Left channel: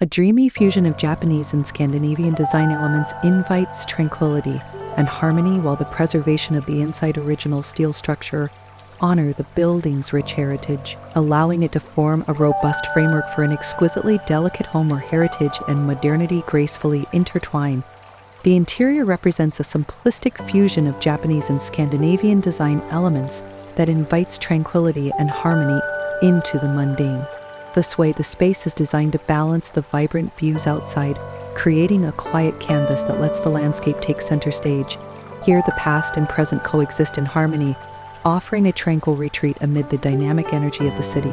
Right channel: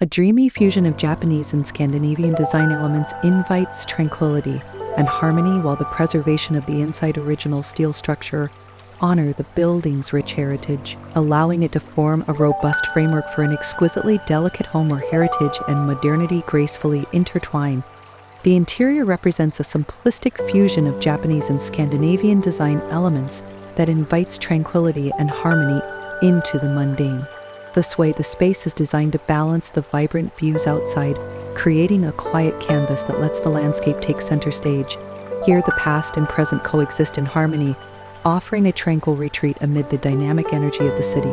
A dreamy fusion of Japanese and Scandinavian design elements invites tranquility and harmony, while the preservation of the inside original steel structure honor the building's rich heritage, allowing it to form a robust framework for an exquisitely delicate home where heritage and modernity gracefully intertwine. The interior represents a simplistic fusion of Japanese and Scandinavian design elements that invites tranquility and harmony into the mundane. This way, the space is designed to balance the vibrant views outside, creating a quiet canvas that lets the landscape take center stage. Here, the past and present coexist in harmony, offering a tranquil retreat amid the dynamic energy of the city.